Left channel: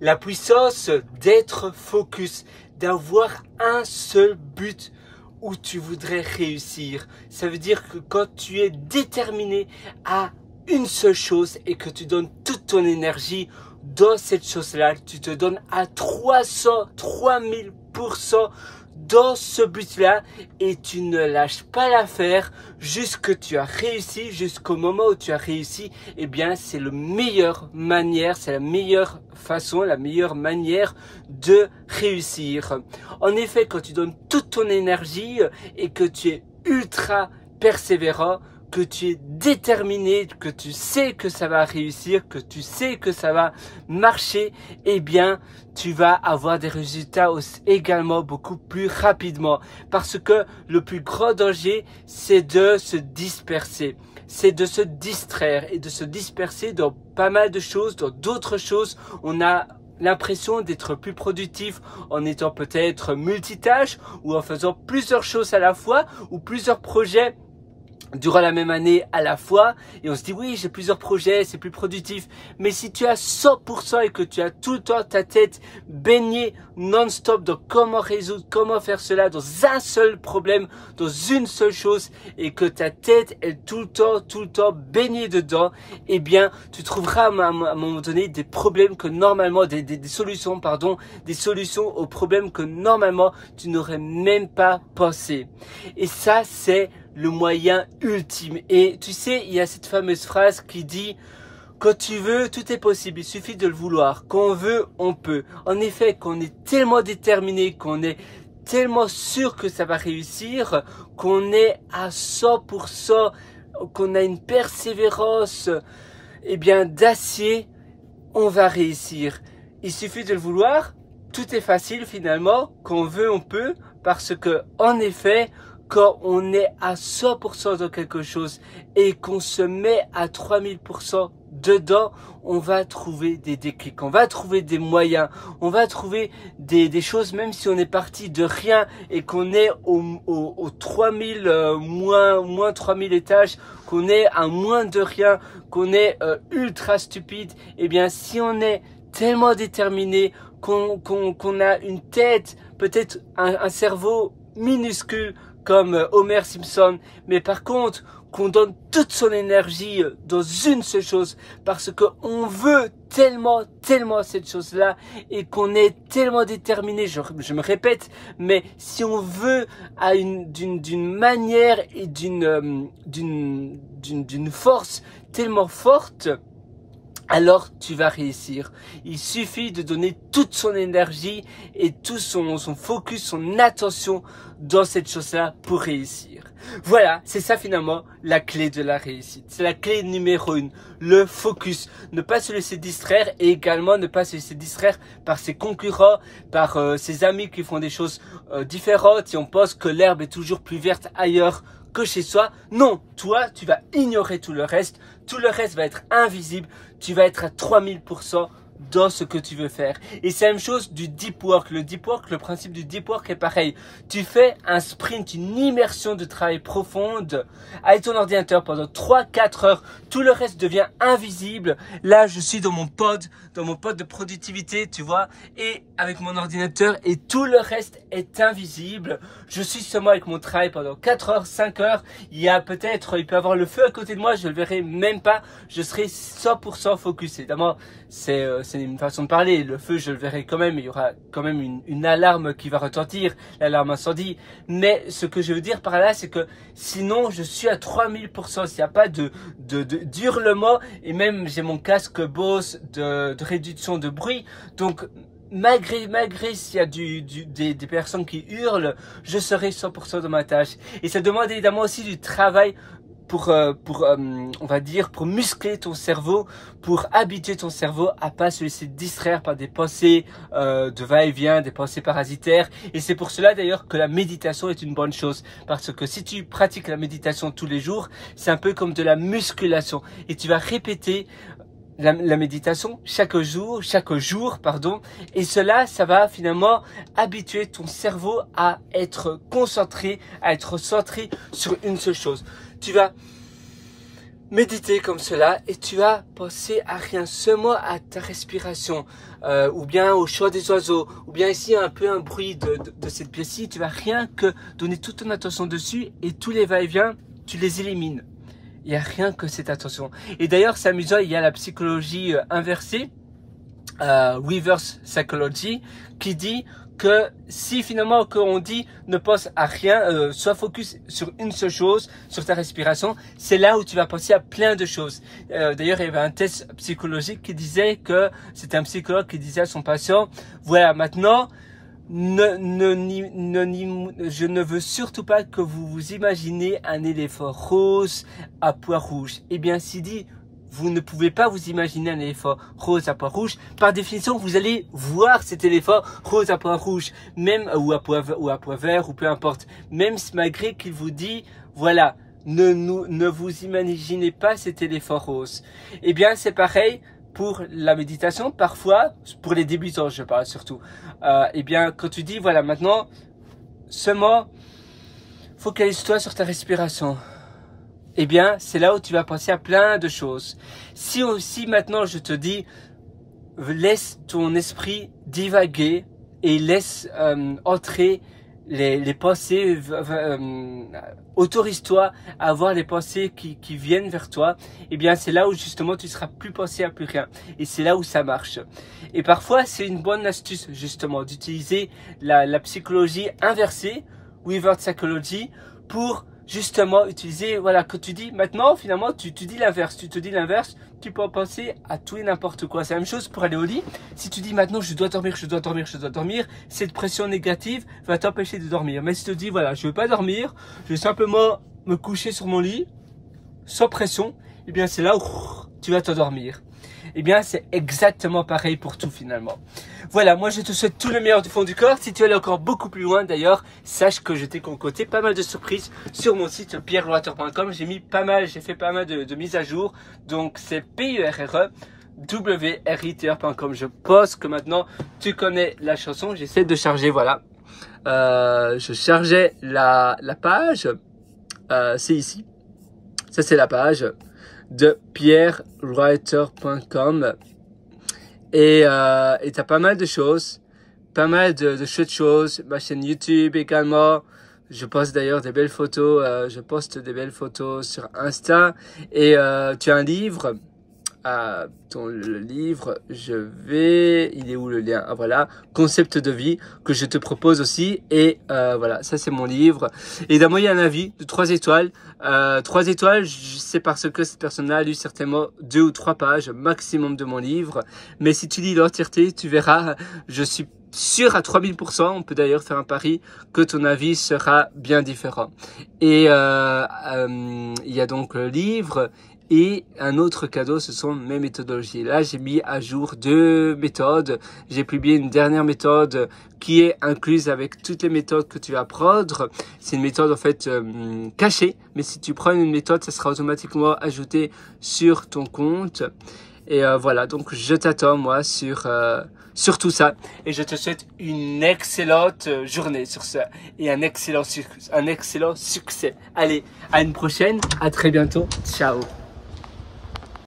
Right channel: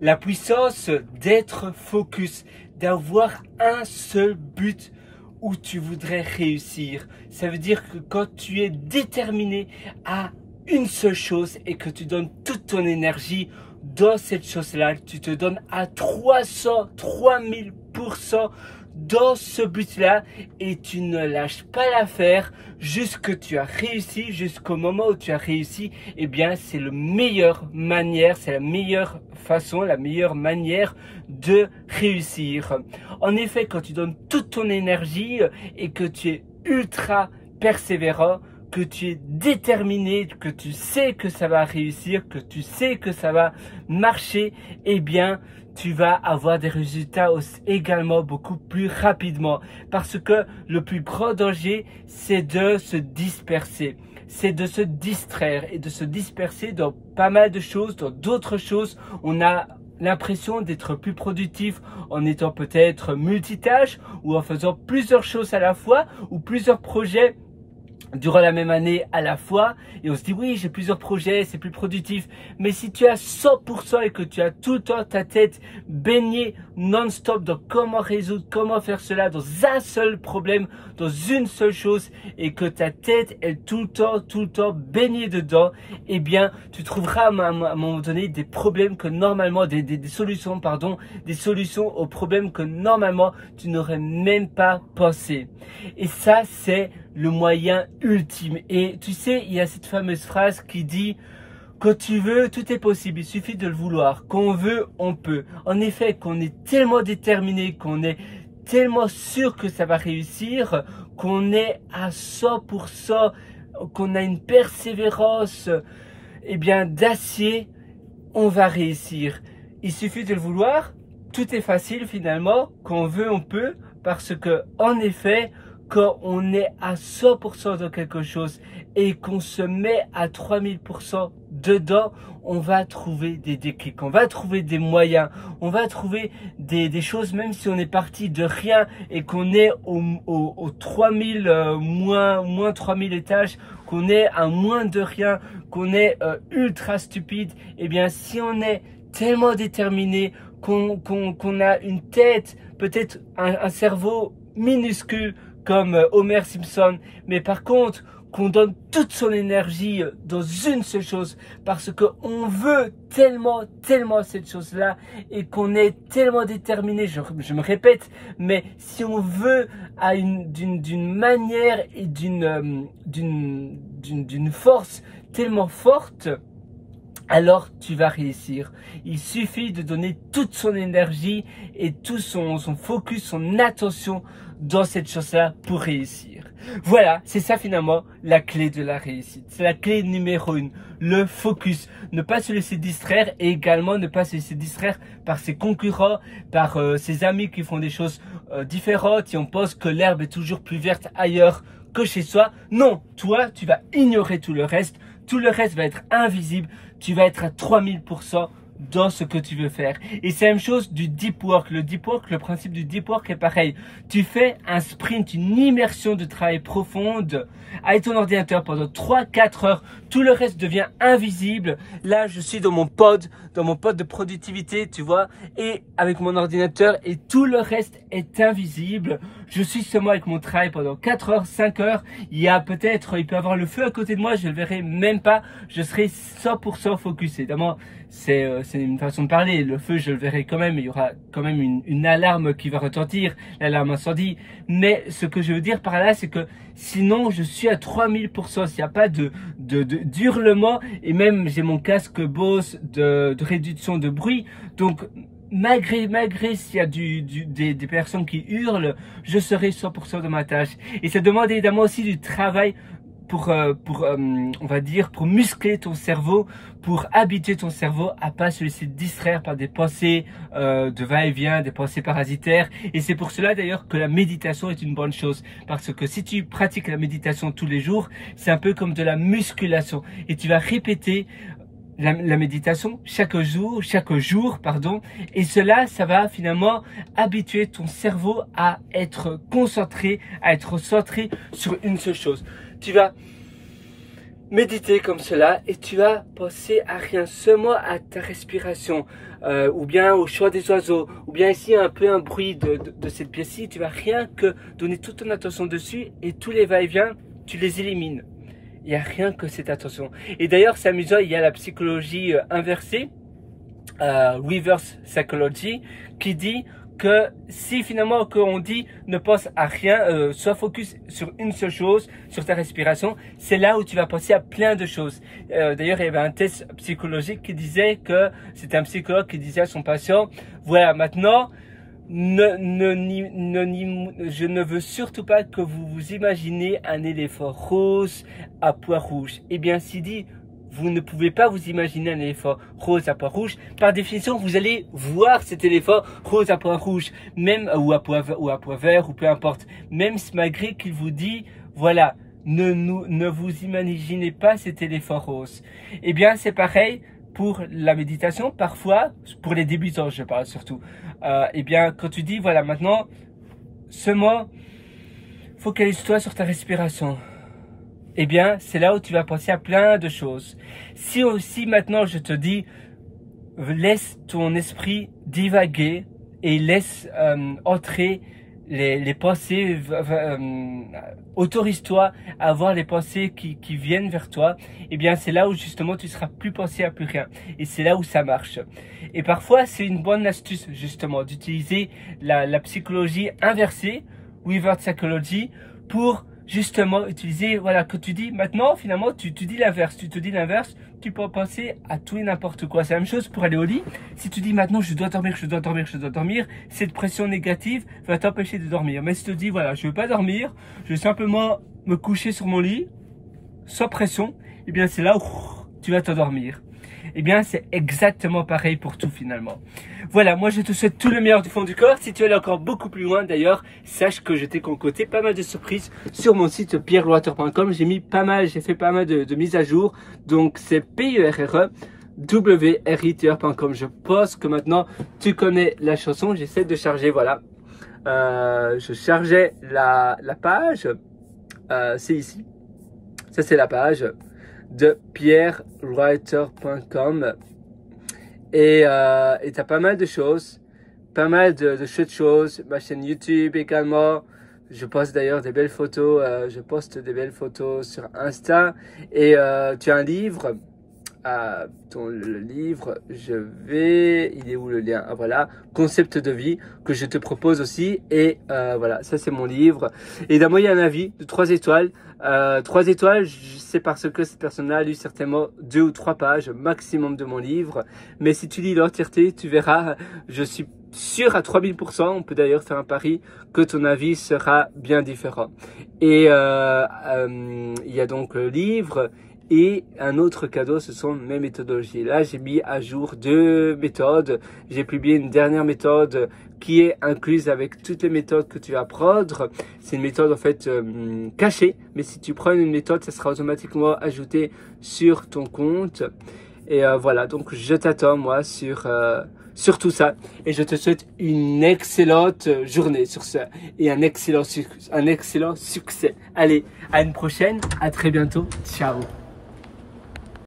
La puissance d'être focus, d'avoir un seul but où tu voudrais réussir. Ça veut dire que quand tu es déterminé à une seule chose et que tu donnes toute ton énergie dans cette chose-là, tu te donnes à 3000% dans ce but-là et tu ne lâches pas l'affaire jusqu'à tu as réussi, jusqu'au moment où tu as réussi, eh bien c'est la meilleure manière, c'est la meilleure façon, la meilleure manière de réussir. En effet, quand tu donnes toute ton énergie et que tu es ultra persévérant, que tu es déterminé, que tu sais que ça va réussir, que tu sais que ça va marcher, eh bien, tu vas avoir des résultats également beaucoup plus rapidement. Parce que le plus grand danger, c'est de se disperser. C'est de se distraire et de se disperser dans pas mal de choses, dans d'autres choses. On a l'impression d'être plus productif en étant peut-être multitâche ou en faisant plusieurs choses à la fois ou plusieurs projets durant la même année à la fois et on se dit oui j'ai plusieurs projets, c'est plus productif. Mais si tu as 100% et que tu as tout le temps ta tête baignée non-stop dans comment résoudre, comment faire cela dans un seul problème, dans une seule chose et que ta tête est tout le temps baignée dedans, eh bien tu trouveras à un moment donné des problèmes que normalement, des solutions aux problèmes que normalement tu n'aurais même pas pensé. Et ça c'est le moyen ultime. Et tu sais, il y a cette fameuse phrase qui dit « Quand tu veux, tout est possible, il suffit de le vouloir. Quand on veut, on peut. » En effet, qu'on est tellement déterminé, qu'on est tellement sûr que ça va réussir, qu'on est à 100%, qu'on a une persévérance eh bien d'acier, on va réussir. Il suffit de le vouloir, tout est facile finalement, quand on veut, on peut, parce que en effet, quand on est à 100% dans quelque chose et qu'on se met à 3000% dedans, on va trouver des déclics, on va trouver des moyens, on va trouver des choses, même si on est parti de rien et qu'on est au 3000, moins 3000 étages, qu'on est à moins de rien, qu'on est ultra stupide, eh bien si on est tellement déterminé, qu'on a une tête, peut-être un cerveau minuscule, comme Homer Simpson, mais par contre qu'on donne toute son énergie dans une seule chose parce qu'on veut tellement cette chose-là et qu'on est tellement déterminé, je me répète, mais si on veut d'une manière et d'une force tellement forte, alors tu vas réussir. Il suffit de donner toute son énergie et tout son focus, son attention dans cette chose-là pour réussir. Voilà, c'est ça finalement la clé de la réussite. C'est la clé numéro 1, le focus. Ne pas se laisser distraire et également ne pas se laisser distraire par ses concurrents, par ses amis qui font des choses différentes et on pense que l'herbe est toujours plus verte ailleurs que chez soi. Non, toi, tu vas ignorer tout le reste va être invisible, tu vas être à 3000% dans ce que tu veux faire. Et c'est la même chose du deep work. Le deep work, le principe du deep work est pareil. Tu fais un sprint, une immersion de travail profonde avec ton ordinateur pendant 3-4 heures. Tout le reste devient invisible. Là, je suis dans mon pod de productivité, tu vois, et avec mon ordinateur et tout le reste est invisible. Je suis seulement avec mon travail pendant 4 heures, 5 heures. Il peut avoir le feu à côté de moi, je le verrai même pas. Je serai 100% focus. Évidemment, c'est une façon de parler. Le feu, je le verrai quand même. Il y aura quand même une alarme qui va retentir, l'alarme incendie. Mais ce que je veux dire par là, c'est que sinon, je suis à 3000%. S'il n'y a pas d'hurlement et même j'ai mon casque Bose de réduction de bruit. Donc, malgré s'il y a des personnes qui hurlent, je serai 100% de ma tâche. Et ça demande évidemment aussi du travail pour on va dire, pour muscler ton cerveau, pour habituer ton cerveau à pas se laisser distraire par des pensées de va-et-vient, des pensées parasitaires. Et c'est pour cela d'ailleurs que la méditation est une bonne chose. Parce que si tu pratiques la méditation tous les jours, c'est un peu comme de la musculation. Et tu vas répéter la méditation chaque jour, et cela, ça va finalement habituer ton cerveau à être concentré, à être centré sur une seule chose. Tu vas méditer comme cela et tu vas penser à rien, seulement à ta respiration, ou bien au chant des oiseaux, ou bien ici un peu un bruit de cette pièce-ci. Tu vas rien que donner toute ton attention dessus et tous les va-et-vient, tu les élimines. Il n'y a rien que cette attention. Et d'ailleurs, c'est amusant, il y a la psychologie inversée, reverse psychology, qui dit que si finalement on dit ne pense à rien, sois focus sur une seule chose, sur ta respiration, c'est là où tu vas penser à plein de choses. D'ailleurs, il y avait un test psychologique qui disait que c'était un psychologue qui disait à son patient, voilà, maintenant, je ne veux surtout pas que vous vous imaginez un éléphant rose à pois rouge. Eh bien, s'il dit, vous ne pouvez pas vous imaginer un éléphant rose à pois rouge. Par définition, vous allez voir cet éléphant rose à pois rouge, même ou à pois vert ou peu importe. Même malgré qu'il vous dit, voilà, ne vous imaginez pas cet éléphant rose. Eh bien, c'est pareil pour la méditation. Parfois, pour les débutants, je parle surtout. Eh bien, quand tu dis, voilà, maintenant, seulement, focalise-toi sur ta respiration. Eh bien, c'est là où tu vas penser à plein de choses. Si aussi maintenant je te dis, laisse ton esprit divaguer et laisse entrer les pensées, autorise-toi à avoir les pensées qui viennent vers toi, eh bien c'est là où justement tu seras plus pensé à plus rien. Et c'est là où ça marche. Et parfois, c'est une bonne astuce justement d'utiliser la psychologie inversée, reverse psychology, pour justement utiliser, voilà, que tu dis maintenant, finalement, tu dis l'inverse, tu te dis l'inverse, tu peux penser à tout et n'importe quoi. C'est la même chose pour aller au lit. Si tu dis maintenant, je dois dormir, je dois dormir, je dois dormir, cette pression négative va t'empêcher de dormir. Mais si tu te dis, voilà, je ne veux pas dormir, je vais simplement me coucher sur mon lit, sans pression, eh bien, c'est là où tu vas t'endormir. Eh bien, c'est exactement pareil pour tout finalement. Voilà, moi je te souhaite tout le meilleur du fond du corps. Si tu veux aller encore beaucoup plus loin d'ailleurs, sache que je t'ai concocté pas mal de surprises sur mon site pierreloiter.com. J'ai fait pas mal de mises à jour. Donc c'est PERRE-WRITR.com. Je pense que maintenant tu connais la chanson. J'essaie de charger, voilà. Je chargeais la page. C'est ici. Ça c'est la page de pierreloiter.com et t'as pas mal de choses, pas mal de chouettes choses, ma chaîne YouTube également, je poste d'ailleurs des belles photos, sur Insta, et tu as un livre, le livre, il est où le lien? Ah voilà, concept de vie que je te propose aussi, et voilà, ça c'est mon livre. Et d'un mot, il y a un avis de 3 étoiles. 3 étoiles, c'est parce que cette personne-là a lu certainement 2 ou 3 pages maximum de mon livre. Mais si tu lis l'entièreté, tu verras, je suis sûr à 3000%, on peut d'ailleurs faire un pari, que ton avis sera bien différent. Et il y a donc le livre. Et un autre cadeau, ce sont mes méthodologies. Là, j'ai mis à jour 2 méthodes. J'ai publié une dernière méthode qui est incluse avec toutes les méthodes que tu vas prendre. C'est une méthode en fait cachée, mais si tu prends une méthode, ça sera automatiquement ajouté sur ton compte. Et voilà, donc je t'attends moi sur tout ça. Et je te souhaite une excellente journée sur ça et un excellent succès. Allez, à une prochaine, à très bientôt. Ciao.